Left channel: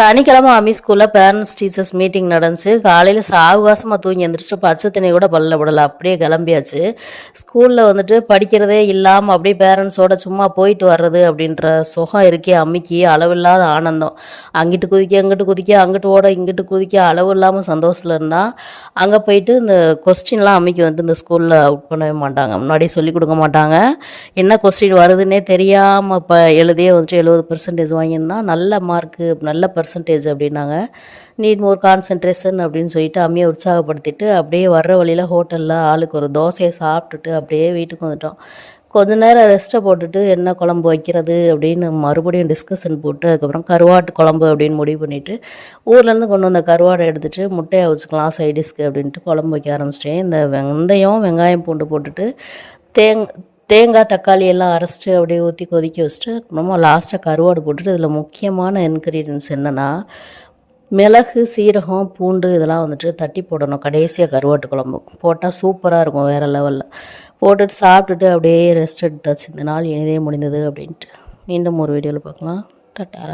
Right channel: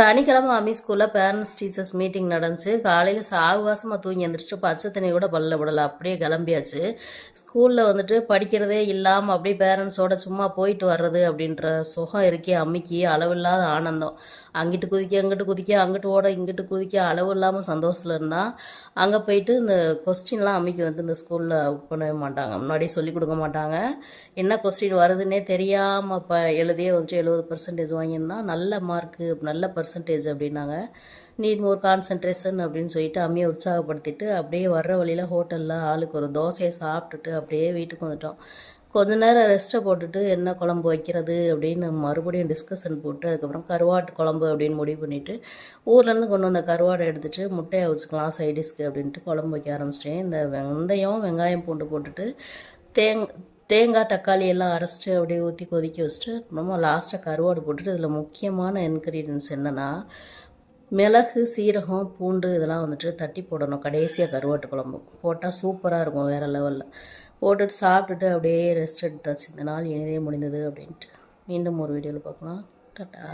சனிக்கிழமை அம்மி ஸ்கூலில் பேரண்ட்ஸ் டீச்சர்ஸ் மீட்டிங் நடந்துச்சு. காலையில் சாவகாசமாக தூங்கி எழுந்திரிச்சிட்டு பச்சை தண்ணி கூட பல்ல விடலை, அப்படியே கிளம்பியாச்சு. ஸ்கூலில் வந்துட்டு படிக்கிறதே இல்லாமல் அப்படியே பேரண்ட்ஸோட சும்மா போயிட்டு வர்றது அப்படின்ற சுகம் இருக்கே அம்மிக்கு, அளவில்லாத ஆனந்தம். அங்கிட்டு குதிக்க அங்கிட்டு குதிக்க, அங்கிட்டு ஓட இங்கிட்டு குதிக்க, அளவு இல்லாமல் சந்தோஷத்தில் இருந்தால் அங்கே போயிட்டு இந்த கொஸ்டின்லாம் அம்மிக்கு வந்துட்டு இந்த ஸ்கூலில் அவுட் பண்ணவே மாட்டாங்க, முன்னாடியே சொல்லிக் கொடுக்க மாட்டாங்க. என்ன கொஸ்டின் வருதுன்னே தெரியாமல் இப்போ எழுதியே வந்துட்டு 70% வாங்கியிருந்தால் நல்ல மார்க்கு, நல்ல பர்சன்டேஜ் அப்படின்னாங்க. நீட் மோர் கான்சன்ட்ரேஷன் அப்படின்னு சொல்லிட்டு அம்மியை உற்சாகப்படுத்திட்டு அப்படியே வர்ற வழியில் ஹோட்டலில் ஆளுக்கு ஒரு தோசையை சாப்பிட்டுட்டு அப்படியே வீட்டுக்கு வந்துட்டோம். கொஞ்ச நேரம் ரெஸ்ட்டை போட்டுட்டு என்ன குழம்பு வைக்கிறது அப்படின்னு மறுபடியும் டிஸ்கஷன் போட்டு அதுக்கப்புறம் கருவாட்டு குழம்பு அப்படின்னு முடிவு பண்ணிவிட்டு ஊர்லேருந்து கொண்டு வந்த கருவாடை எடுத்துகிட்டு முட்டையை வச்சுக்கலாம் சைடிஷ்க்கு அப்படின்ட்டு குழம்பு வைக்க ஆரம்பிச்சிட்டேன். இந்த வெந்தயம் வெங்காயம் பூண்டு போட்டுட்டு தேங்காய் தக்காளி எல்லாம் அரைச்சிட்டு அப்படியே ஊற்றி கொதிக்க வச்சுட்டு அப்புறமா லாஸ்ட்டாக கருவாடு போட்டுட்டு இதில் முக்கியமான இன்க்ரீடியன்ஸ் என்னென்னா மிளகு, சீரகம், பூண்டு இதெல்லாம் வந்துட்டு தட்டி போடணும் கடைசியாக கருவாட்டு குழம்பு போட்டால் சூப்பராக இருக்கும், வேறு லெவலில் போட்டுட்டு சாப்பிட்டுட்டு அப்படியே ரெஸ்ட் எடுத்தாச்சு. இந்த நாள் இனிதே முடிந்தது அப்படின்ட்டு. மீண்டும் ஒரு வீடியோவில் பார்க்கலாம். டாட்டா.